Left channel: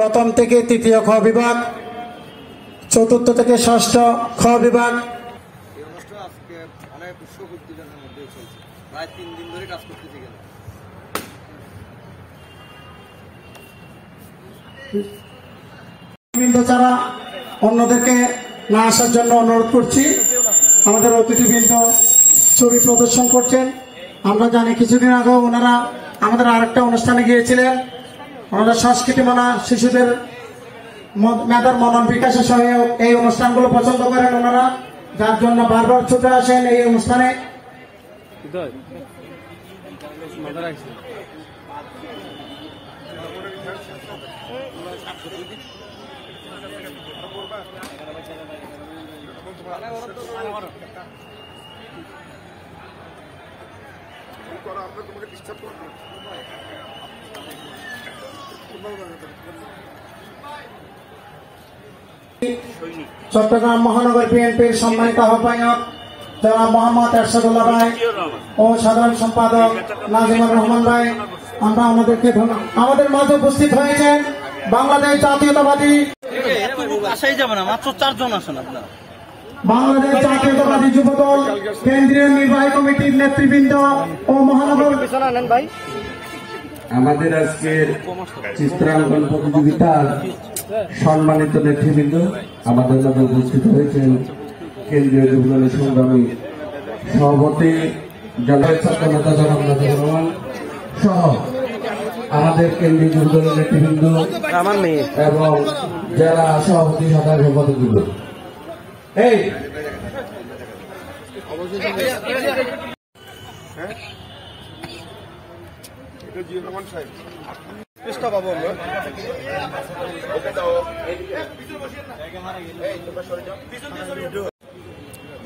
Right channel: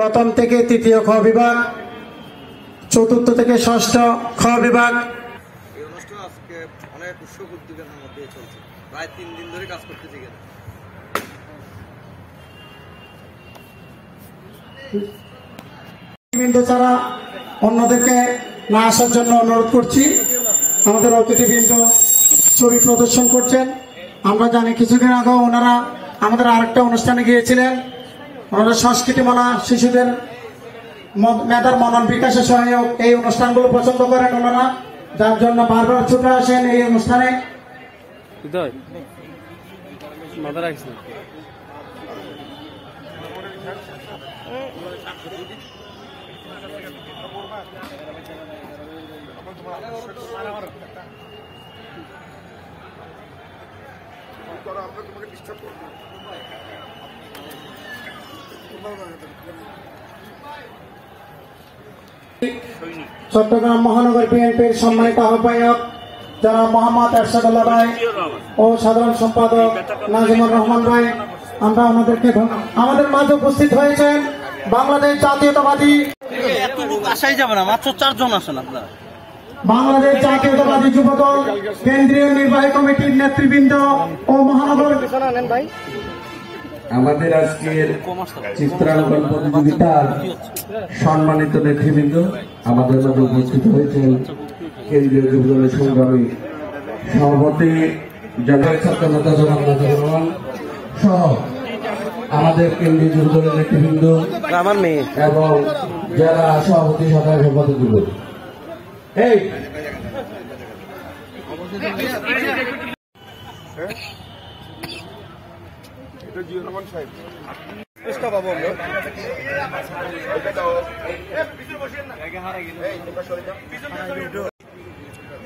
প্রথম থেকে তৃতীয় খ বিভাগ, চতুর্থ থেকে ষষ্ঠ খ বিভাগ। ছাড়া অন্যদেরকে না আসার জন্য অনুরোধ করছি। আমাদের অতিথিবৃন্দ ছবি প্রদর্শন করছেন। আমরা জানি কিছুদিন আগে ওনারা আমাদের আরেকটা অনুষ্ঠানে গিয়েছিলেন। ওনারা সংস্কৃতি মেলা, শিশুদের মেধার মনন বিকাশের সহায়ক এই অনুষ্ঠানগুলো পছন্দ করেন ওনারা, যার জন্য বারবার ছুটে আসেন এই অনুষ্ঠানে। চট্টগ্রাম মহানগর বিএনপির সম্মানিত আহ্বায়ক যারা মোহাম্মদ এরশাদুল্লাহ ভাই ও সাধারণ সম্পাদক নাজিমুর রহমান ভাই, আমরা ওনাদেরকে আমাদের মাঝে উপস্থিত হয়েছেন বাংলাদেশ জাতীয়তাবাদী বাংলাদেশ জাতীয়তাবাদী যুবদল কেন্দ্রীয় নির্বাহী কমিটির নেতৃবৃন্দ ও মহানগর আমাদের আজকের চিত্রাঙ্কন প্রতিযোগিতার সম্মানিত নেতৃবৃন্দ আমাদের মধ্যে উপস্থিত হয়েছেন কেন্দ্রীয় যুবদলের সংগ্রামী সভাপতি জাতীয় ছাত্র নেতা জনাব নাজির রহমান সহ আমাদের কেন্দ্রীয় যুবদলের নেতৃবৃন্দ এবং জেলা সভাপতি সাধারণ সম্পাদকবৃন্দ। এই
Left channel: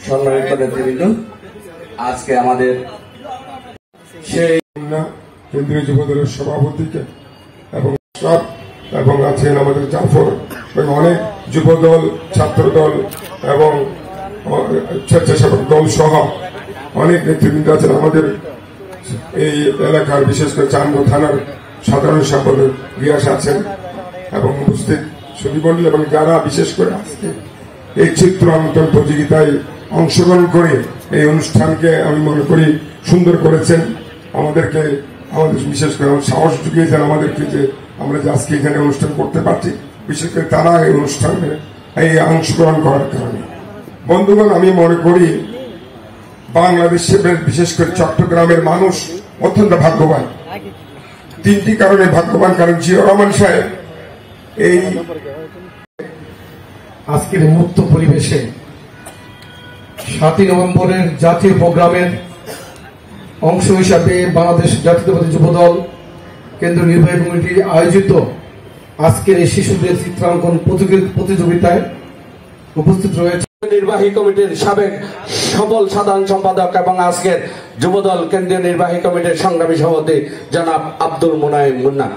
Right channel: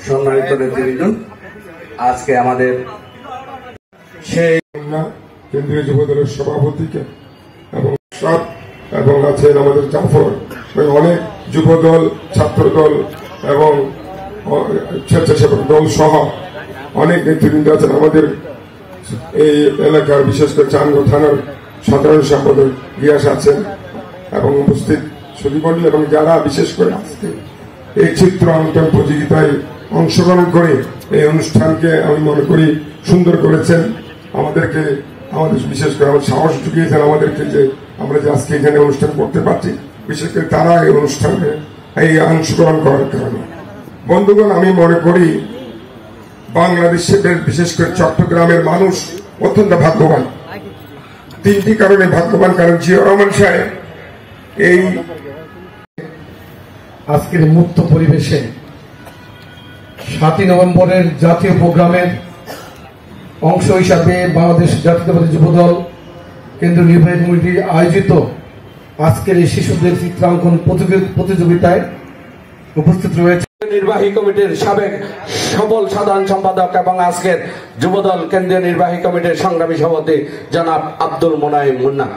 সম্মানিত নেতৃবৃন্দ, আজকে আমাদের সেই কেন্দ্রীয় যুবদলের সভাপতিকে এবং আছেন আমাদের জাফর, অনেক যুবদল, ছাত্রদল এবং স্বেচ্ছাসেবক দল সহ অনেক নেতৃবৃন্দ আছেন। আমাদের এই এলাকার বিশেষ করে চান্দা থানার সাধারণ সম্পাদক গিয়াস আছেন এবং উপস্থিত সুদীবলী এবং যারা বিশেষ করে আজকে এই চিত্রাঙ্কন প্রতিযোগিতায় অংশগ্রহণ করে এই অনুষ্ঠানকে আমি মনে করি সুন্দর করেছেন। আমাদের বিশেষ করে আমার সাহস জুগিয়েছেন আমাদেরকে যে আমরা আজকে এখানে অনুষ্ঠান করতে পারছি, বিশেষ করে তারা এই অনুষ্ঠানে এই অংশগ্রহণ করার কারণে। বন্ধুগণ, আমি মনে করি বাংলাদেশে বিশেষ করে চট্টগ্রামের মানুষ অত্যন্ত ভাগ্যবান। তিনটি কারণে ভাগ্যবান। কারণ জিয়াউর রহমান সাহেব এই আজকের মুক্ত পরিবেশে 7ই নভেম্বরের জাতীয় প্রোগ্রামের অংশ হিসাবে বাংলাদেশ জাতীয়তাবাদী যুবদল কেন্দ্রীয় নির্বাহী কমিটি আয়োজিত আজকের এই শিশুদের চিত্রাঙ্কন প্রতিযোগিতায় উপস্থিত রয়েছে নির্বাহী কমিটির সাবেক সফল সাধারণ সম্পাদক এবং আজকের যুবদল কেন্দ্রীয় নির্বাহী কমিটির সংগ্রামী সভাপতি জনাব আব্দুল মোনায়েম মুন্না।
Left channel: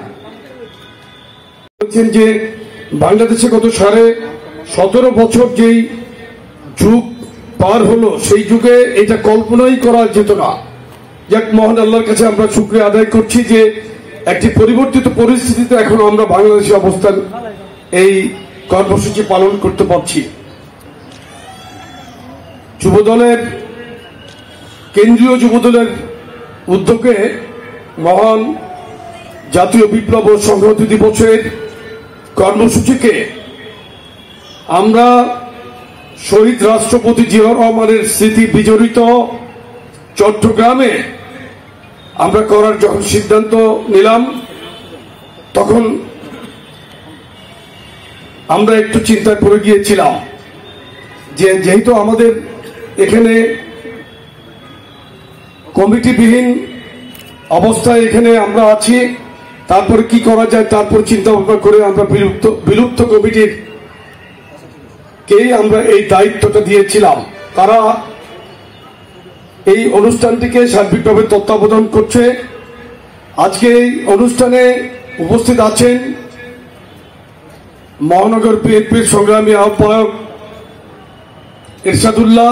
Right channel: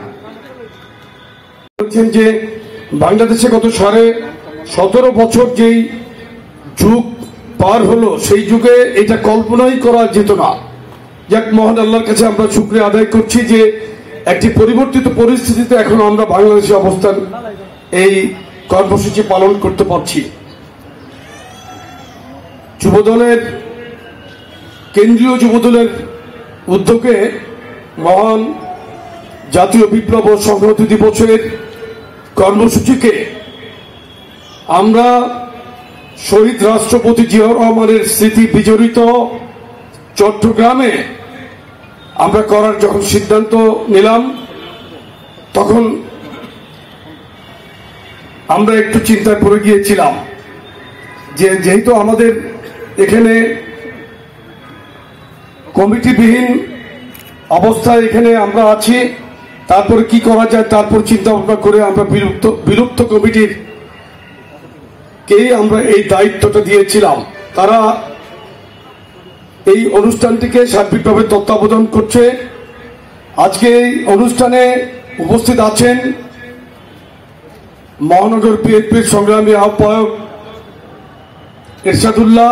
বলছেন যে বাংলাদেশে গত 17.5 বছর যেই যুগ পার হলো, সেই যুগে এটা কল্পনাই করা যেত না। যাক, মহান আল্লাহর কাছে আমরা শুকরিয়া আদায় করছি যে একটি পরিবর্তিত পরিস্থিতিতে এখন আমরা বাংলাদেশে অবস্থান এই কর্মসূচি পালন করতে পারছি। যুবদলের কেন্দ্রীয় যুবদলের উদ্যোগে মহান জাতীয় বিপ্লব ও সংহতি দিবসের কর্মসূচিকে আমরা শহীদ রাষ্ট্রপতি জিয়াউর রহমানের স্মৃতি বিজড়িত চট্টগ্রামে আমরা করার যখন সিদ্ধান্ত নিলাম, তখন আমরা একটু চিন্তায় পড়ে গিয়েছিলাম যে যেহেতু আমাদের এখানে কমিটিবিহীন অবস্থায় এখানে আমরা আছি, তারপর কি করা যায় তারপর চিন্তা ভাবনা করে আমরা বিলুপ্ত কমিটির কেই আমরা এই দায়িত্বটা দিয়েছিলাম। তারা এই অনুষ্ঠানটিকে সার্বিকভাবে তত্ত্বাবধান করছে। আজকে এই অনুষ্ঠানে উপস্থিত আছেন মহানগর বিএনপির সংগ্রামী আহ্বায়ক এরশাদুল্লাহ,